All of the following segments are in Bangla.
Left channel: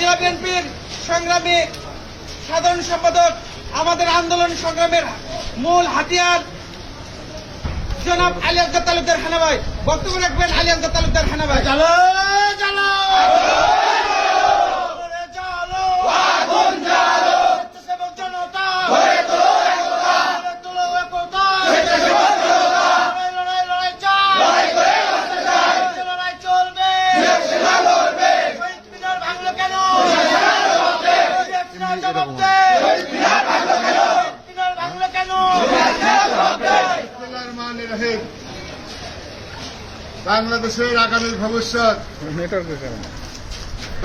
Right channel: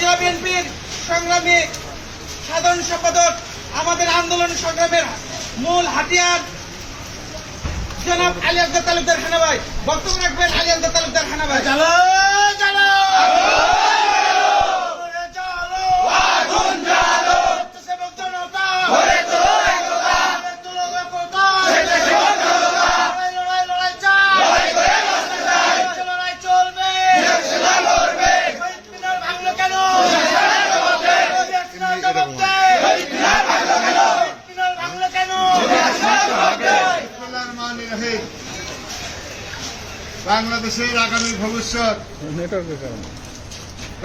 জেলা বিএনপির সংগ্রামী সাধারণ সম্পাদক, আমাদের আন্দোলন সংগ্রামের মূল হাতিয়ার জনাব আলী আকবর তালুকদার খান ভাই বক্তব্য রাখবেন। আলী আকবর তালুকদার খান ভাই। বাংলাদেশের আগামী ভবিষ্যৎ,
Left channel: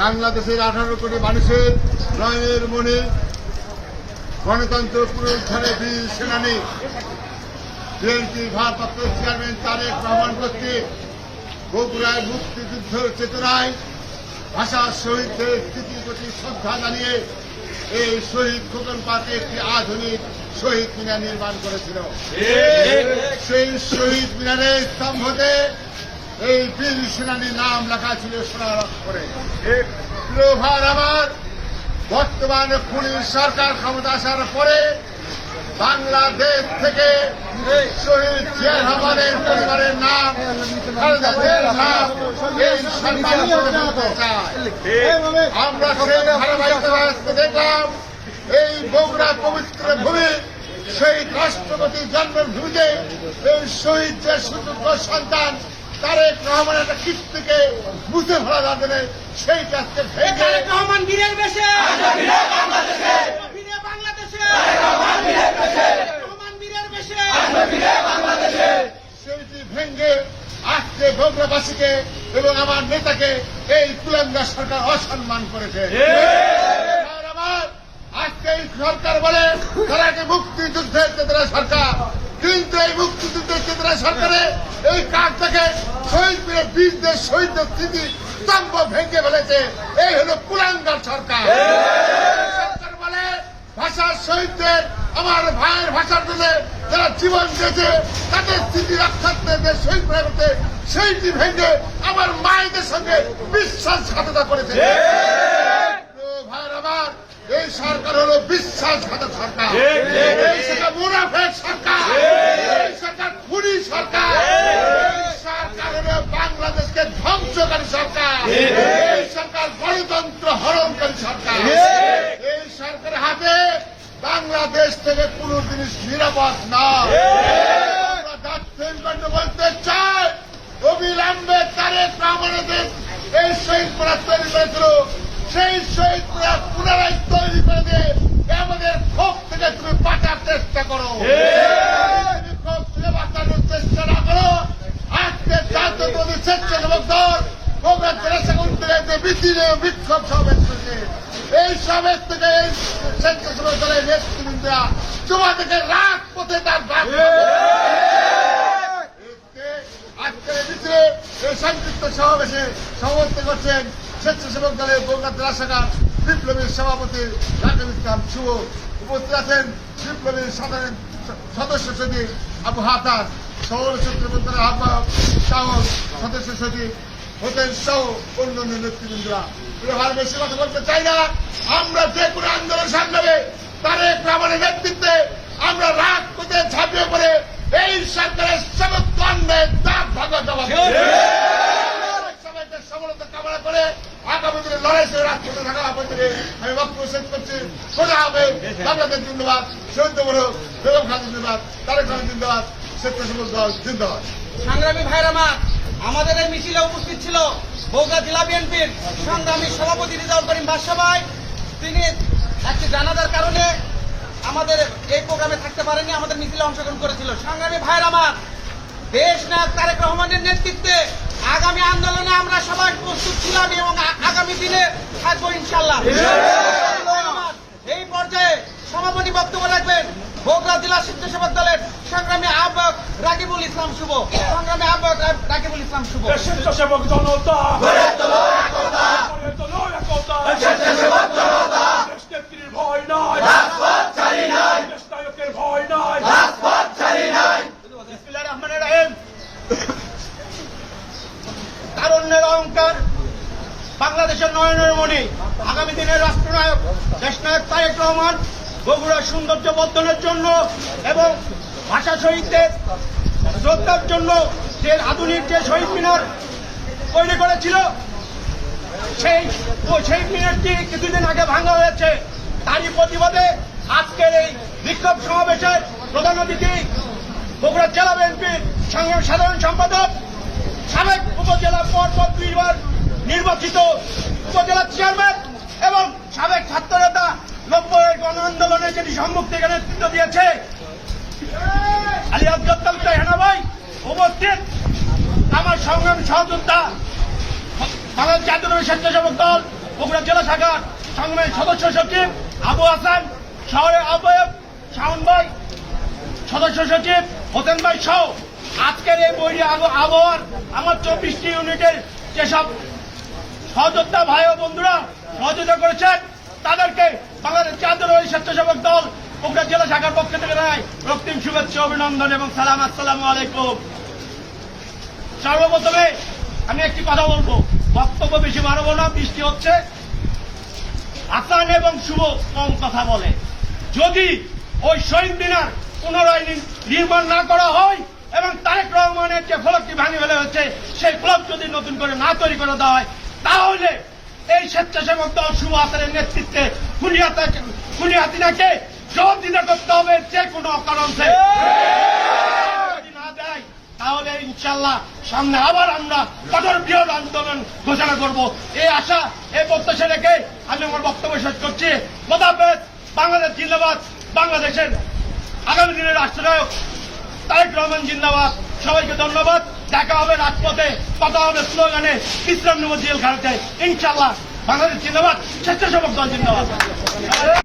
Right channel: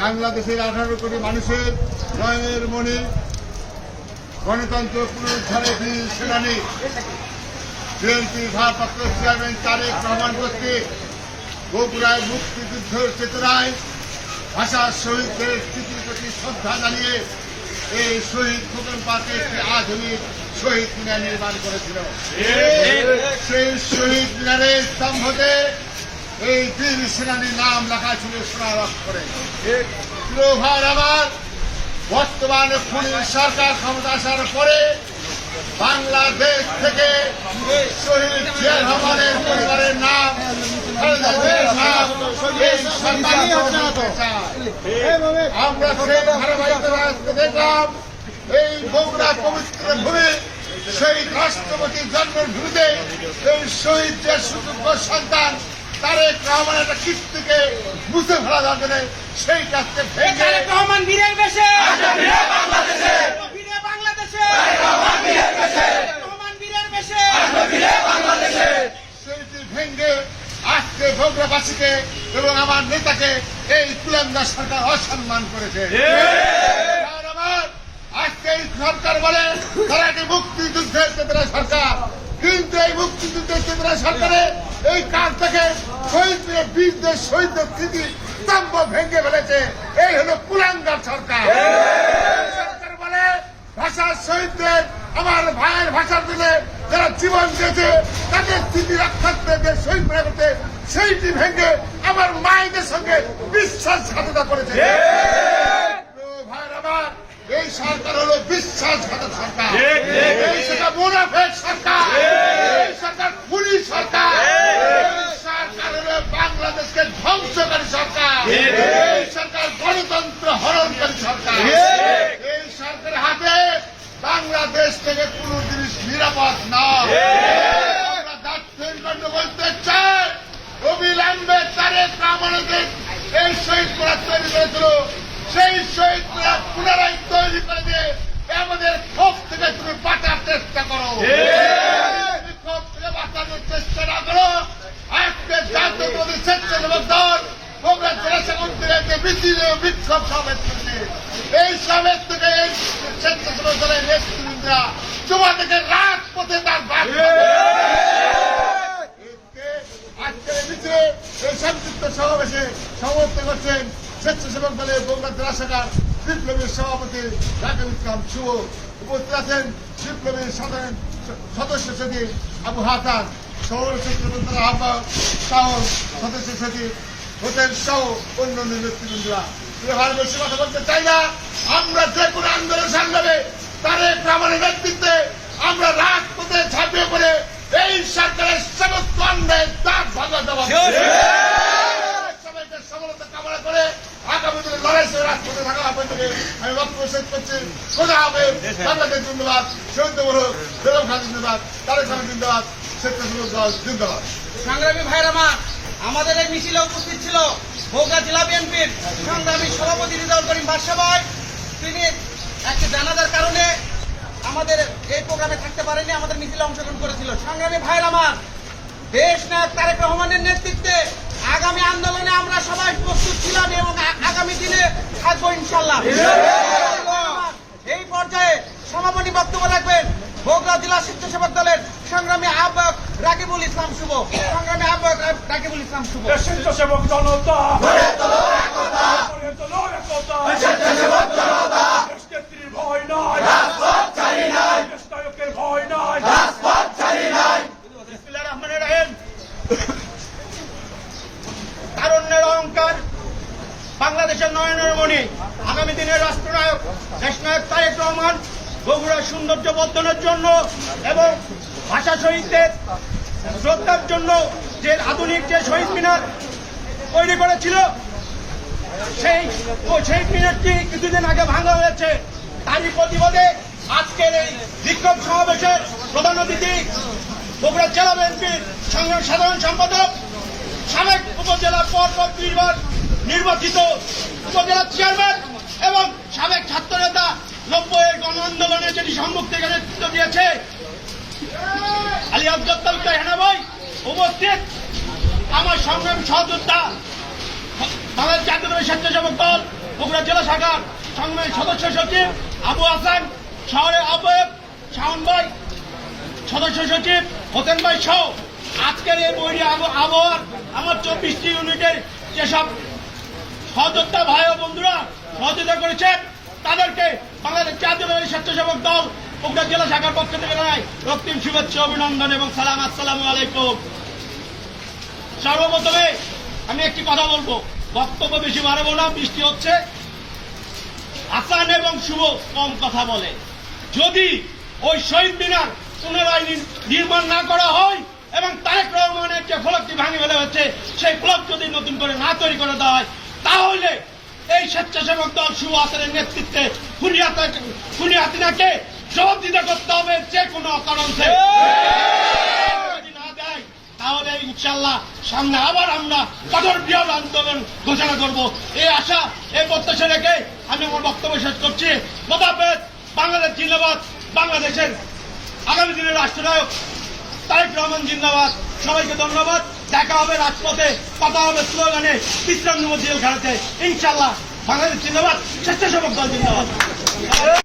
বাংলাদেশের 18 কোটি মানুষের নয়নের মনে গণতন্ত্র পুনরুদ্ধারের বীর সেনানী বিএনপির ভারপ্রাপ্ত চেয়ারম্যান তারেক রহমান কর্তৃক বগুড়ায় মুক্তিযুদ্ধের চেতনায় ভাষা শহীদদের স্মৃতির প্রতি শ্রদ্ধা জানিয়ে এই শহীদ খোকন পার্কে একটি আধুনিক শহীদ মিনার নির্মাণ করেছিল। সেই শহীদ মিনারের স্তম্ভতে এই বীর সেনানীর নাম লেখা ছিল সোনার অক্ষরে। আমার বর্তমানে খুনির সরকার ক্ষমতা আসার পরে বাংলাদেশ থেকে শহীদ জিয়া রহমানের পরিবারের নাম এই সরকার বলতে চায়। আমরা সেই ধারাবাহিকতা দেখলাম এই বগুড়া পবিত্র ভূমি শহীদ রাষ্ট্রপতির জন্মভূমিতে এই শহীদ যে সুযোগ্য সন্তান তারেক রহমানের একটা কীর্তিকে মুছে ফেলা যাবে সেই কাজকে তারেক রহমান বীরের বেশে সেইটি ভেঙ্গে আজকে বগুড়াবাসীকে এবং আমার নেতাকে এই কুলাঙ্গা সরকার অসম্মান করেছে। আজকে এই সরকার বলে তারা একটি মুক্তিযুদ্ধের চেতনা সরকার, কিন্তু এই মুক্তিযুদ্ধের চেতনা সরকারে এই কাজ থেকে শহীদ মিলে বীরদের শহীদদের স্মৃতি স্তম্ভ ভেঙে ফেলেছে। এই হলো কুলাঙ্গার সরকার। সরকার বলে ভাষার শহীদদের, আমার ভাইয়ের ভাষার জন্য যারা জীবন দিয়েছে তাদের স্মৃতি রক্ষার্থে যে শহীদ মিলে করতে সেইটি ভেঙে আমার মায়েদের সঙ্গে বিশ্বাসঘাতকতা করেছে। ভাইয়ের আমার এই সরকার হলো বিশ্বাসঘাতক সরকার, এই সরকার মুনাফেক সরকার, এই সরকার খুনি সরকার, এই সরকার হলো বাংলাদেশকে ধ্বংসকারী সরকার, এই সরকার গণতন্ত্র হরণকারী সরকার। এই সরকারের হাতে বাংলাদেশ থেকে কোন জিনিস নিরাপদ না। আমরা দায়িত্বের বলতে চাই অবিলম্বে তারেক রহমানের এই শহীদ মিনার তৈরি করেছিল সেই শহীদ মিনার পুনরায় তৈরি করে দিয়ে আমাদের ক্ষোভ থেকে তুমি বাঁচার চেষ্টা করো। ক্ষোভ থেকে বাঁচানোর চেষ্টা না করো, আজকে জাতীয়তাবাদী স্বেচ্ছাসেবক দল বগুড়া জেলা শাখা থেকে মিছিল বিক্ষোভ সমাবেশ করেছে। এই সমাবেশ থেকে এই স্বেচ্ছাসেবক দলের নেতৃবৃন্দরা তোমাদেরকে রাজপথে তার বাদ আজকের মিছিলে এই সংযুক্ত সমাবেশে সভাপতিত্ব করছেন স্বেচ্ছাসেবক দলের বগুড়া জেলা শাখার বিপ্লবীর সভাপতি রাকিব ইসলাম শুভ। উপস্থিত আছেন বিপ্লবীর সাধারণ সদস্য সচিব আবু হাসান, শহর সূত্রবন্ধনের আহ্বায়ক শাহর সদস্য সচিব হোসেন সহ অন্যান্য নেতৃবৃন্দরা। ভালো বেশি কথা বলতে চাই না। আমরা যে কোনো আন্দোলন সংগ্রামে তারেক রহমানের নেতৃত্বে আমরা রাজপথে ঝাঁপিয়ে পড়ে এই সরকারের সমস্ত অন্যায় দাঁত ভাঙা জবাব সবাইকে সফলতা কামনা করে আগামী দিনে লড়াই সে রাজপথে থাকার আহ্বান থেকে আমি বক্তব্য শেষ করছি। খোদা হবে, বাংলাদেশ জিন্দাবাদ, শহীদ বড় বেগম খান জিন্দাবাদ, তারেক রহমান জিন্দাবাদ, স্বেচ্ছাসেবক দল জিন্দাবাদ। সংগ্রামী ভাইরা আমাদের এই মিছিলে উপস্থিত ছিল বগুড়া জেলা বিএনপির সংগ্রামী সভাপতি রিজাউল করিম বাদশা ভাই। তিনি একটি জানাজার কারণে আমাদের এই প্রোগ্রামে থাকতে পারেনি, আমাদের মিছিলে অংশগ্রহণ করেছিল। সংগ্রামী ভাইরা দেশ নায়ক তারেক রহমানের নেতৃত্বে আগামী আন্দোলনে আমরা সবাই প্রস্তুত ছিলাম এবং আগামী দিনে থাকবো ইনশাল্লাহ। এই পর্যায়ে সমাপনী বক্তব্য রাখবেন বগুড়া জেলা স্বেচ্ছাসেবক দলের সংগ্রামী আহ্বায়ক রাকিবুল ইসলাম শুভ। সংগ্রামী আহ্বায়ক রাকিবুল ইসলাম শুভ। স্বেচ্ছাসেবক জনতা ভয় নাই, ভয় নাই। তারুণ্যের অহংকার, বাংলাদেশের নয়নের মণি, আগামী দিনের রাষ্ট্রনায়ক দেশনায়ক তারেক রহমান বগুড়ার সৌন্দর্য বর্ধনের জন্য এবং ভাষা শহীদদের শ্রদ্ধার জন্য যে আধুনিক যে শহীদ মিনার তৈরি করেছিল সেই শহীদ মিনারটি কিছুদিন আগে ভাঙা হয়েছে। তারই প্রতিবাদে আজকের এই বিক্ষোভ সমাবেশের প্রধান অতিথি বগুড়া জেলা বিএনপির সংগ্রামী সাধারণ সম্পাদক সাবেক উপজেলার পর 2 বার নির্বাচিত উপজেলা চেয়ারম্যান এবং সাবেক ছাত্র নেতা 90-এর গণ আন্দোলনে যেটি সম্মুখ থেকে নেতৃত্ব দিয়েছে আলী আফজল তালুকদার হেনা ভাই উপস্থিত, আমার সংগ্রামী সহযোদ্ধা বাংলাদেশ জাতীয়তাবাদী স্বেচ্ছাসেবক দল বগুড়া জেলা শাখার সংগ্রামী সদস্য সচিব আবু হাসান, শহরের আহ্বায়ক শাওন ভাই, সদস্য সচিব হোসেন ভাই সহ আজকের এই বৈরী আবহাওয়ার আমার 24টি ইউনিটের যেসব সহযোদ্ধা ভাই ও বন্ধুরা সহযোগিতা করেছেন তাদেরকে বাংলাদেশ জাতীয়তাবাদী স্বেচ্ছাসেবক দল বগুড়া জেলা শাখার পক্ষ থেকে জানাই রক্তিম শুভেচ্ছা, অভিনন্দন এবং সালাম। আসসালামু আলাইকুম। সর্বপ্রথমে আমি একটি কথা বলবো, বক্তব্য বেশি বাড়াবো না, বৃষ্টি হচ্ছে। হাসান এবং শুভ কম কথা বলে। যদি ওই শহীদ মিনার পুনরায় নির্মাণ না করা হয় এবং তারেক রহমানের যে ফলকটি ভাঙে ফেলা হচ্ছে সেই ফলক যদি নতুন করে না তৈরি করে দেওয়া হয় তাহলে এই স্বেচ্ছাসেবক দল শুভ হাসানের নেতৃত্বে খুনি হাসিনাকে জবাবদিহি করতে হবে যে কোনো কারণ থেকে। যদি না দেয় তাহলে ইনশাল্লাহ সামনে আবার আমরা কঠোর বৃহৎ আন্দোলন ঘোষণা করব। এই আশা এই প্রত্যাশা রেখে আমি আমার বক্তব্য শেষ করছি। খোদাহাফেজ। বাংলাদেশ জিন্দাবাদ। বাংলাদেশের আগামী দিনের রাষ্ট্রনায়ক তারেক রহমান জিন্দাবাদ। সবাইকে ধন্যবাদ। দেখা হবে রাজপথে, কথা হবে স্লোগানে, বিশ্রাম নেব জেলখানাতে। ইনশাল্লাহ বাংলাদেশ জিন্দাবাদ, স্বেচ্ছাসেবক দল জিন্দাবাদ।